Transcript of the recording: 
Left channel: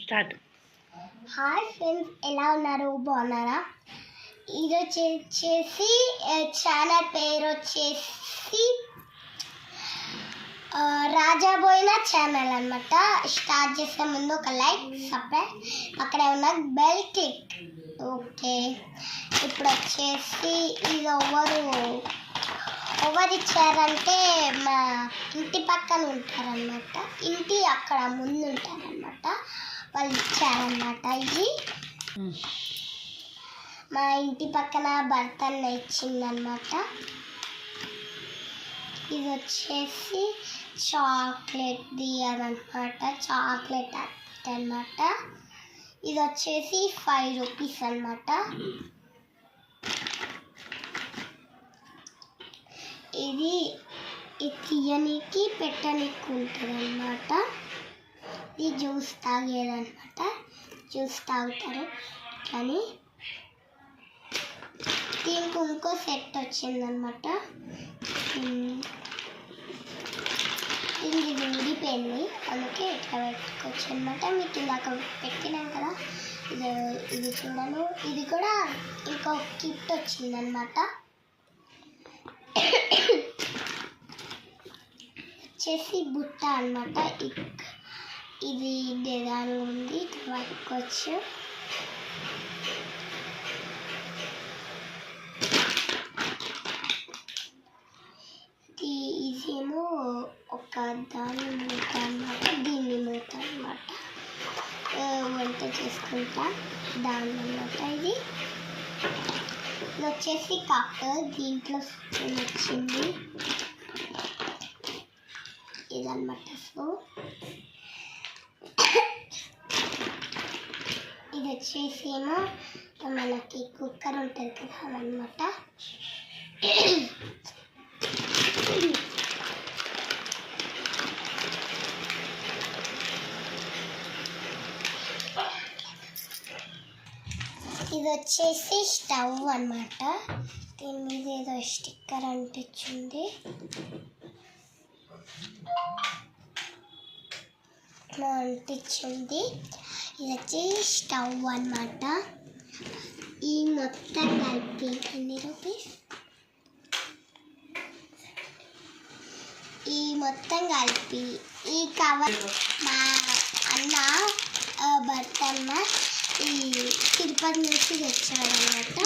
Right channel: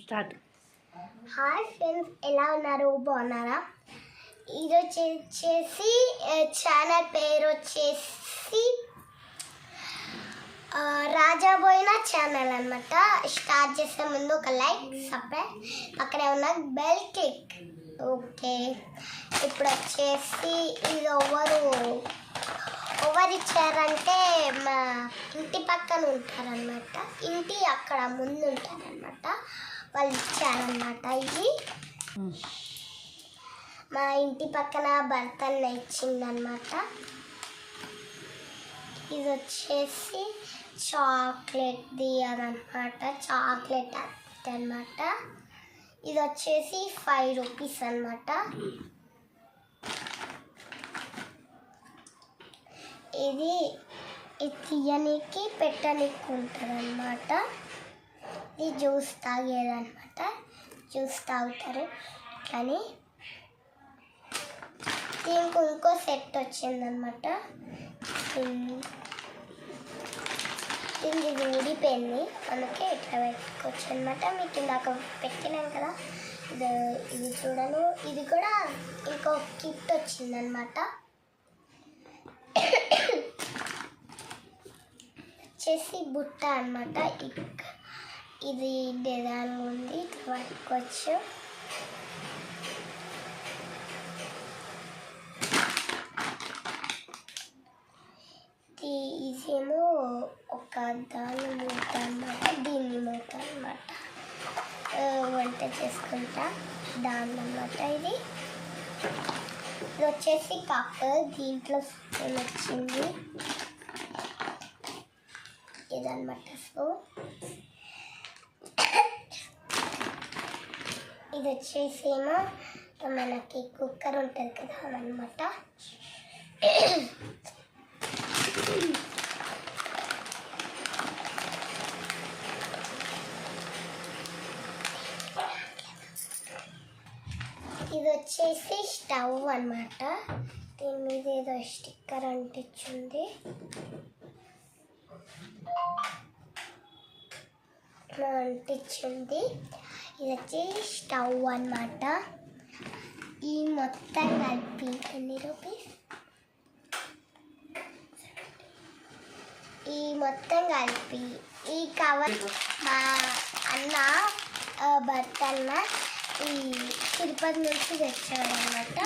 Start. Hi friends, ఎలా ఉన్నారు? బాగున్నారా? ఈరోజు వచ్చేసి ఛానల్ పేరు వచ్చేసి రాజాబోయిన ఛానల్ అనమాట. స్టార్ట్ చేసే ముందు ఒక లైక్, సబ్స్క్రైబ్, అక్కడే ఉన్న బెల్ క్లిక్. ఓకే, ఇప్పుడు వచ్చేసి ఇది ఎవరు ఇచ్చారంటే మా ఇంటి పక్కన ఉంటారనమాట. ఇంటి అక్కడ ముందు ఉంటారనమాట, వాళ్ళు ఇచ్చారనమాట. ఇది మా ఇంటి పక్కన బర్తన్ ఇచ్చిందనమాట. ఇది వచ్చేసి చాక్లెట్ది అనమాట, చాక్లెట్ అనమాట. ఇది వచ్చేసి 5 రూపీస్ అనమాట. ఇది తీయనికి పెట్టనికి ఉంటుంది అనమాట. ఇది జ్యూస్ తాగేదనమాట, జ్యూస్ తాగుతారు. కానీ దీనికి ఇంకో సెట్ వచ్చిందనమాట. ఇది ఊడిపోయింది, అందుకే ఇట్లా పెట్టుకోవచ్చు అనమాట. మీకు ఇందాక పెట్టినాం కదా, ఇది చూడను. ఇది కూడా ఇంకో గిఫ్ట్ వచ్చిందనమాట. వచ్చేసి బుట్ట అనమాట. ఇది డిజైన్ ఉంది, ఇట్లా పట్టుకోవచ్చు. ఇదేమో ఒక దాని మూత అనమాట, దీన్ని మూత అనమాట. వంట చేసుకుంటా దాని అనమాట. ఇది వచ్చేసి కప్, దీంట్లో స్పూన్ వచ్చింది ఇదన్నమాట. సో ఇది వచ్చేసి ఏమో మనకి కుక్కర్ ఉంటుంది కదా, అదనమాట. ఇది వచ్చేసి స్టవ్ అన్నమాట. దీని మీద ఏదో స్టిక్కర్ అంటించింది. అంటించింది. ఇది వచ్చి స్టవ్ అన్నమాట. ఈ మొత్తం కలిపి ఎన్ని రూపీస్? ఈ మొత్తం కలిపి ఈ కవర్ మా అన్న భర్త ఈ తిరుపతి నుంచి తెచ్చాడనమాట.